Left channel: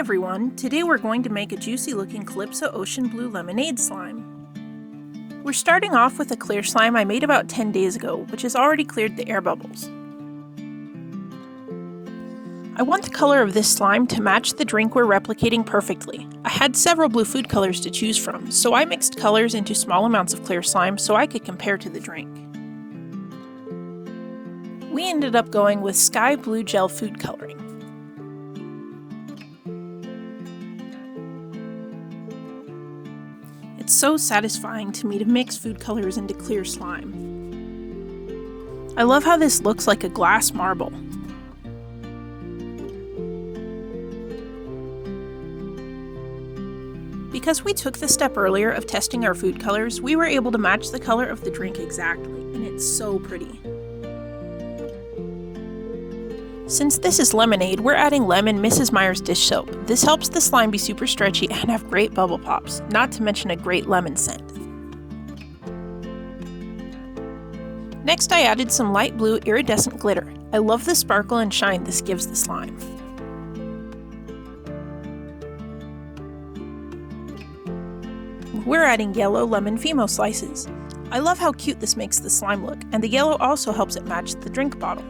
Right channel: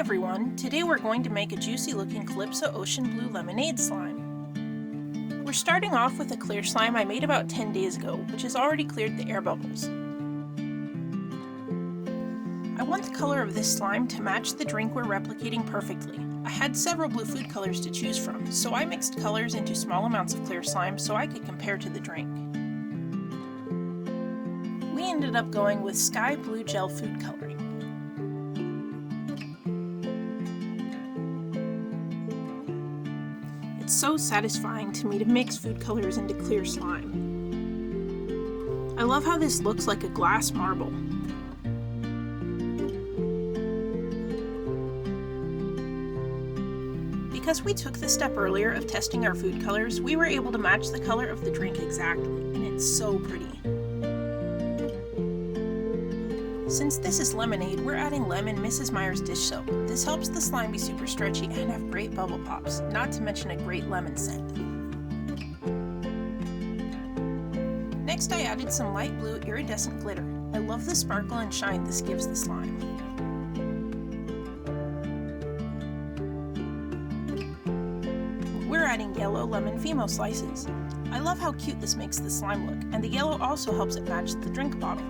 everyone, today we're going to make a juicy looking Calypso Ocean Blue Lemonade slime. We're starting off with a clear slime I made about 10 days ago, which has already cleared the air bubbles. I want the color of this slime to match the drink we're replicating perfectly. I had several blue food colors to choose from, so I mixed colors into small amounts of clear slime so I could compare to the drink. We ended up going with sky blue gel food coloring. It's so satisfying to me to mix food colors into clear slime. I love how this looks like a glass marble. Because we took the step earlier of testing our food colors, we were able to match the color of the drink exactly, and it's so pretty. Since this is lemonade, we're adding lemon Mrs. Meyer's dish soap. This helps the slime be super stretchy and have great bubble pops, not to mention a great lemon scent. Next, I added some light blue iridescent glitter. I love the sparkle and shine this gives the slime. We're adding yellow lemon Fimo slices. I love how cute this makes the slime look, and the yellow also helps it match the drink bottle.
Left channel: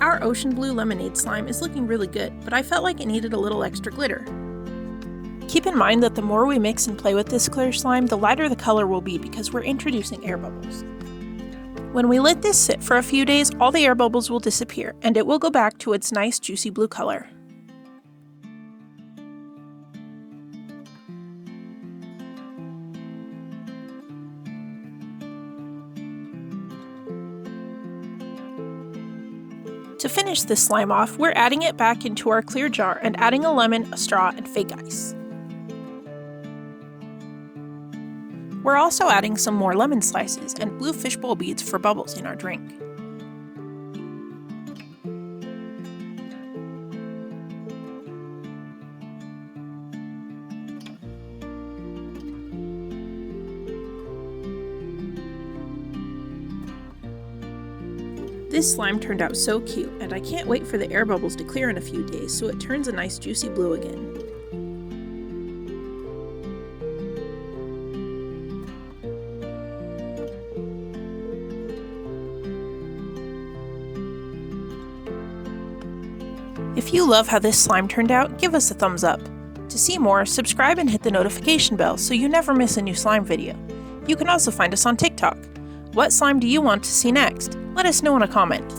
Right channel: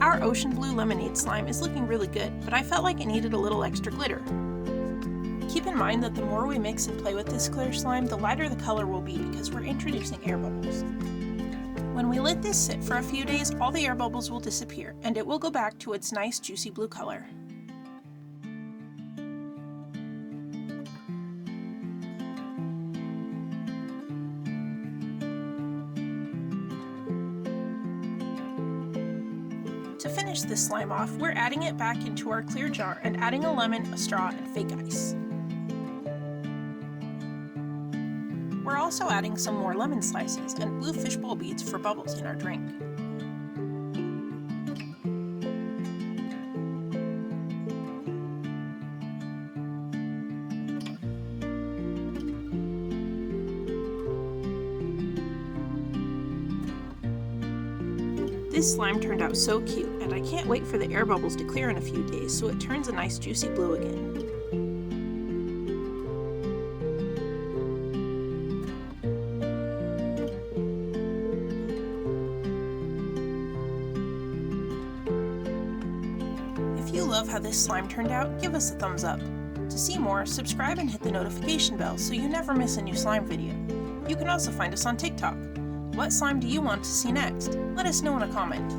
Our ocean blue lemonade slime is looking really good, but I felt like it needed a little extra glitter. Keep in mind that the more we mix and play with this clear slime, the lighter the color will be because we're introducing air bubbles. When we let this sit for a few days, all the air bubbles will disappear, and it will go back to its nice juicy blue color. To finish this slime off, we're adding it back into our clear jar and adding a lemon, a straw, and fake ice. We're also adding some more lemon slices and blue fishbowl beads for bubbles in our drink. This slime turned out so cute, and I can't wait for the air bubbles to clear in a few days so it turns a nice juicy blue again. If you love how this slime turned out, give us a thumbs up. To see more, subscribe and hit the notification bell so you never miss a new slime video. You can also find us on TikTok. What slime do you want to see next? Let us know in a comment.